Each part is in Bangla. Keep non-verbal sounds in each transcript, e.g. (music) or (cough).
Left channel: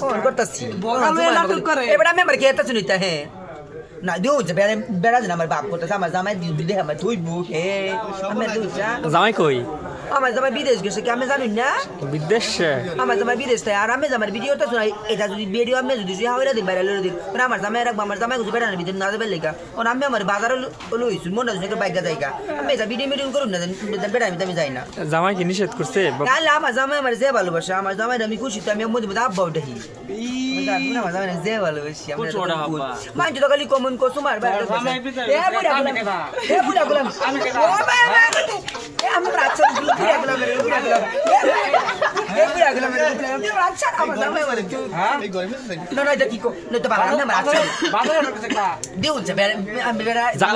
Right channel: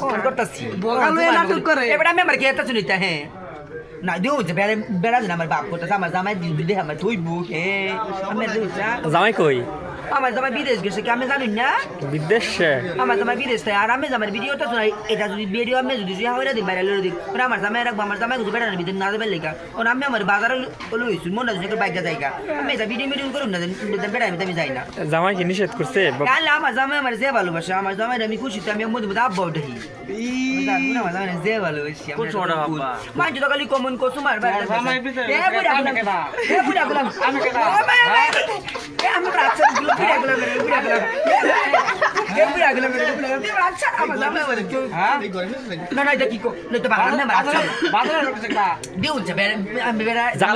ফোন করতেছি নাটক করে। এবার আমি আমার খেতে শুনিতে হ্যাঁ না দিও যে বেড়া বেড়া আমার বাপ করতেছে আমার জামাই দিদি আমার তুই বুক জামাই কই আমার জামাই বিদেশ গেছে কি আমি জানি না? বিদেশে? আমার জামাই বিদেশ থেকে আর আমি জামাই ভিডিওটা শোনাই। এটা যদি ভিডিও আমি যদি শুয়ে হইরা দিই বাইরে লড়ে দিই ওরা আমার জামাই রাখব আমার জামাই কিছু বেড়ানোর ভিতরে না যাবে লেগা। ওরা আমি আমার বাজারে লইছি মনে হচ্ছে বাইকা জায়গা। আমি এটা ভিডিও মিডিও করুন না বেড়া আমি যাই না। জামাই কি নিষেধ করছে? কাল আমার জামাই আমার যে ভালোবাসে আমার জামাই আমি খুশি তো আমি মধ্যে মধ্যে আব্বা উঠি আমার জামাই যে ভালোবাসি? মাইন তো খালি কমন কসু মার আমি আমি আমি রাচ্ছা আমার জামাই আমার তো হ্যাঁ না না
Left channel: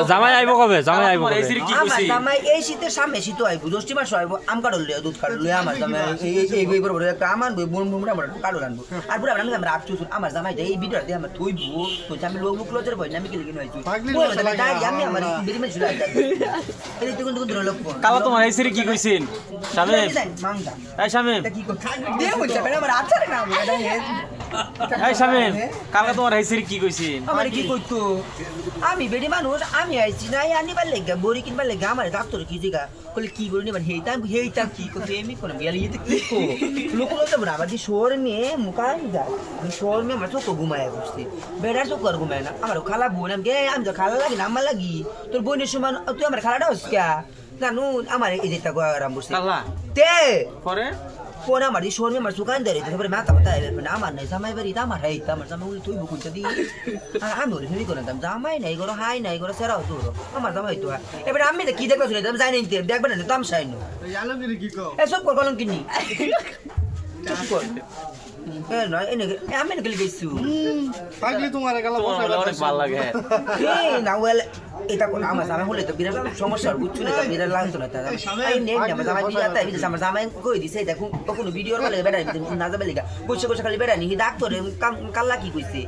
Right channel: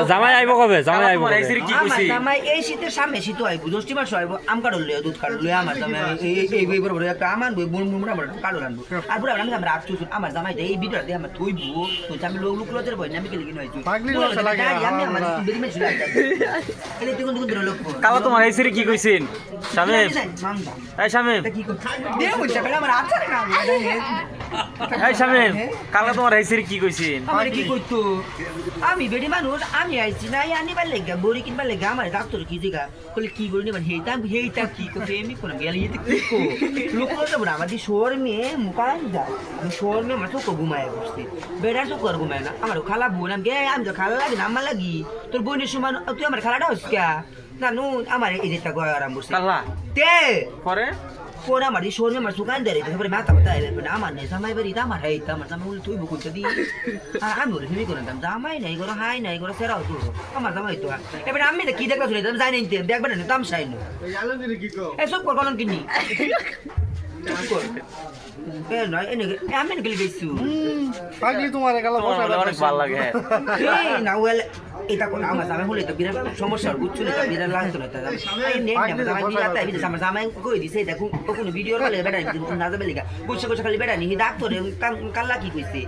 জামাই আইব কবে? জামাই আইব তোমার এই সিরি কি আমার কইছি জামাই এই শীতের সামনে শীত আইব দশটি মাস আইব আম লইয়া দুধ কাটল লইয়া আমার জামাই এই এই এই বই বড় একটা আমান বই বুন বুন আমার কাটল আনব আর পুরো আমি আমরা রাখছি আমার জামাই এই ভিডিও দিয়ে আমার তুই বউ আমি লোক লোক লজের বই আমি কেলি কিনে হইছি পাগলি ভাষা লাগে না, আমি আমার আমার- বেরি মেজ লাগে এই তুই কোন কোন লোক কালা তোমার এই সিরি কি কইছেন? শামিম। মামদা এই শামিম। কি দে এই শামিম কালা তোমার এই সিরি কি কইছেন? আমার কি কইতো? আমি বেডি মানুষ আমি আইছি না এই আনিবার লেগা বড়ি কিনবার লেগা আমার ডাক্তার কি জিগা কইলে কি বড়ি নিবেন হেইতা হেইতা কি কইতে এমি কোন গেলে ইতে কি কো? লোক লোক বড় আমার দি শোর মে মুকাই যা। আমি শোর মে মাছ কো ঘুমায় বসছি বেড়ার তো কর ঘুমায় না। আমার খালা বোন আমি আমি তো খালা লাগি না আমার লাগি। তোর বোনের সমান তুই আমার খালাটা হস কিয়া না নু আমার এই যেটা গো আরাম বসছি কালা তে পরে ফোন আমার di suami আমার suka dari itu beri mata mata ya benar aman nih sama beri tamar hai tamar sama ulu tuh buku tadi ah anu ini kono tam sama ini goro hai ini goro serau tuh আমার জামাই তো এ বেটা আমি তো কি দেখলা শুনে তুমি যাই নাই দেখবে না তাম সাইন এ সব কর কলম কিনি কর। আমি না গলি গেছু পাগলি তোমার গেল বলে অনেক ভালো লাগে এই না ওয়েল এটা কোন আমার জামাই হলে তো বিরাট সমস্যা বুঝছ না বিরাট লাগতো না তার এই নে না জামাই বিরাট তাই বিদেশ আমার জামাই কই দিছে দেখো কখনো ভিডিও কলে বেটা না যাবে লিগা। বসে বসে খালি বেটা নি ডাক্তারে কাল্লা কি কইছে?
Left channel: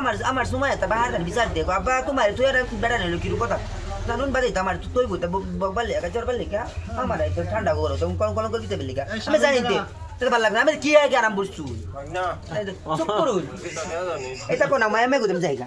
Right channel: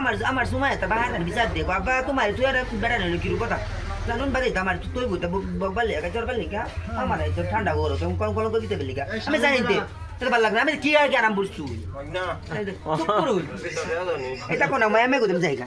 আমার আমার সময় তা বিচার দেখো আবা তোমার তুই আর বেটা নিলো কি কথা? জানুন বাদে তো আমার তুই বলতে তো ঠান্ডা করো তো কম কম করে দিতে লেগা। আমি জানি তে এটা ভালো লাগে না। আমি কি আর কি আরাম বসছু চুপ করুন। (laughs) এটা কোন মায়ামে আমি জায়গা।